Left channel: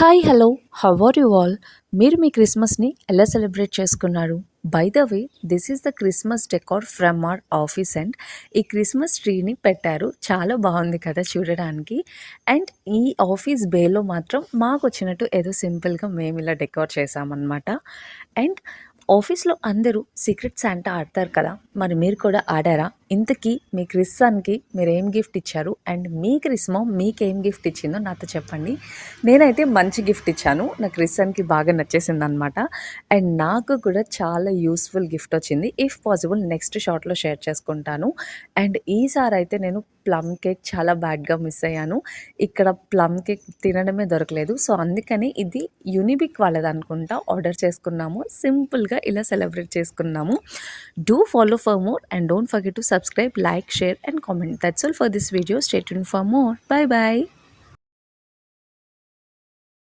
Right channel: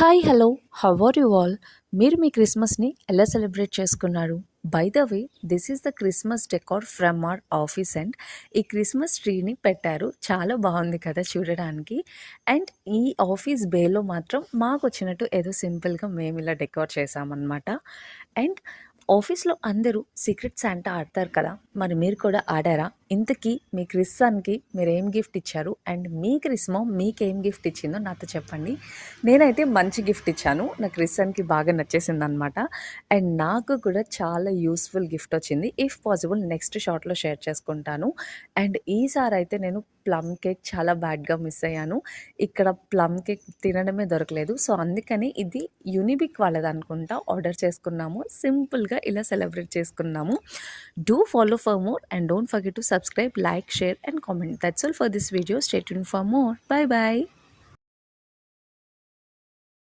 Hi hello how are you all మీరు మీ క్రిస్మస్ని ఎలా సెలబ్రేట్ చేసుకున్నారు? By the way this is the Christmas decor from our office and ఈ Christmas ట్రీని పెట్టారు. చాలా బాగుంది కదా చూడడానికి. అండ్ ఈ ఆఫీస్ బేలో మాత్రం మాకు వచ్చినట్టు ఏదో సింపుల్గా మేము ఇలా డెకార్ చేసామన్నమాట. అండ్ ఆఫీస్లో అందరూ సీక్రెట్ శాంటా ఆడతారు కదా, మరి మీరు కూడా ఆడారా? ఇంతకీ మీ క్రిస్మస్కి మీరు ఏం గిఫ్ట్ ఇచ్చారు అండ్ మీ క్రిస్మో మీకేం గిఫ్ట్ ఇచ్చిందో నాతో చెప్పండి. నేనైతే మంచి గిఫ్ట్ ఇచ్చాను. నా క్రిస్మస్కి బాగా నచ్చేసింది అనమాట. అండ్ నాకు కూడా చాలా యూస్ఫుల్ గిఫ్ట్ వచ్చింది. ఇఫ్ పాసిబుల్ నెక్స్ట్ షార్ట్లో షేర్ చేసుకుంటాను. అండ్ ఈసారి అయితే నేను ప్లమ్ కేక్ చాలా బ్యాడ్గా మిస్ అయ్యాను. ఇక్కడ ప్లమ్ కేక్ తినడమే దొరకలేదు. సో అందుకని ఇది యూనిబిక్ వాళ్ళది అనుకుంటా ఆర్డర్ చేసుకున్నాము. సింపుల్గా ఇలా సెలబ్రేట్ చేసుకున్నాము. Do follow for more and don't forget to subscribe, like, share and comment. That's all for this video. Stay tuned for more. Bye bye.